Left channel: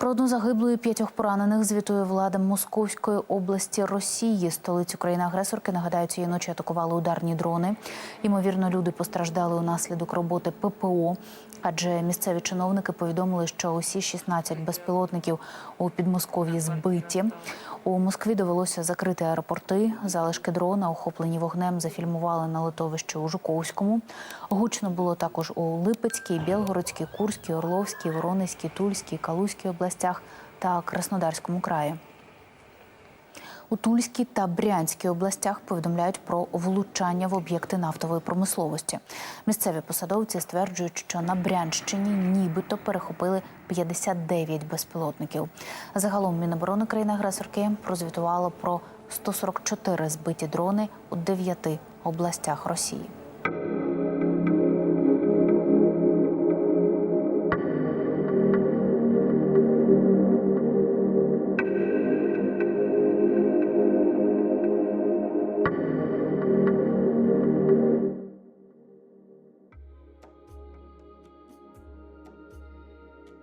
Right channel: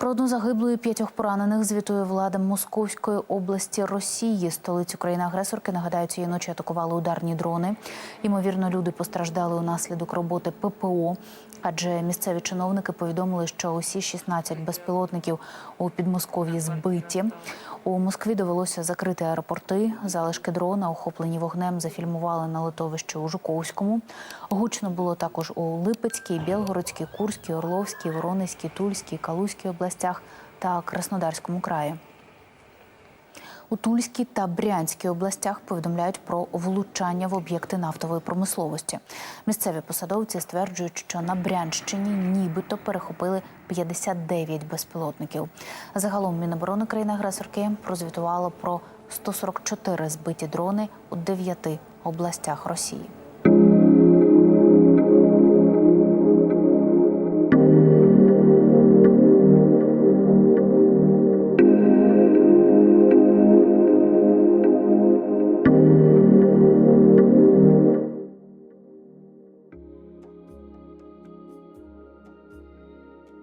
Про одну загиблу і п'ятьох поранених звітує влада Московської області Росії. Столицю країни-агресорки нагадаю, цієї ночі атакували ударні дрони. Ймовірно, люди постраждали унаслідок роботи ППО. Адже місцеві чиновники повідомили, що усі 16 безпілотників у Підмосков'ї збиті. У Москві довелося закрити аеропорти. Залишки дрона, охоплені вогнем, зафільмували на литовищі у Жуковському. Гучно було також у Липецькій, Білгородській, Курській, Орловській, Воронезькій, Тульській, Калузькій областях та Краснодарському краї. У Тульській та Брянській областях повідомляють про влучання в об'єкти нафтової промисловості. Місцеві посадовці стверджують, що на Брянщині нібито перехопили 59 безпілотників. Загалом Міноборони країни-агресорки прозвітувало про 144 збиті дрони у дев'яти областях Росії.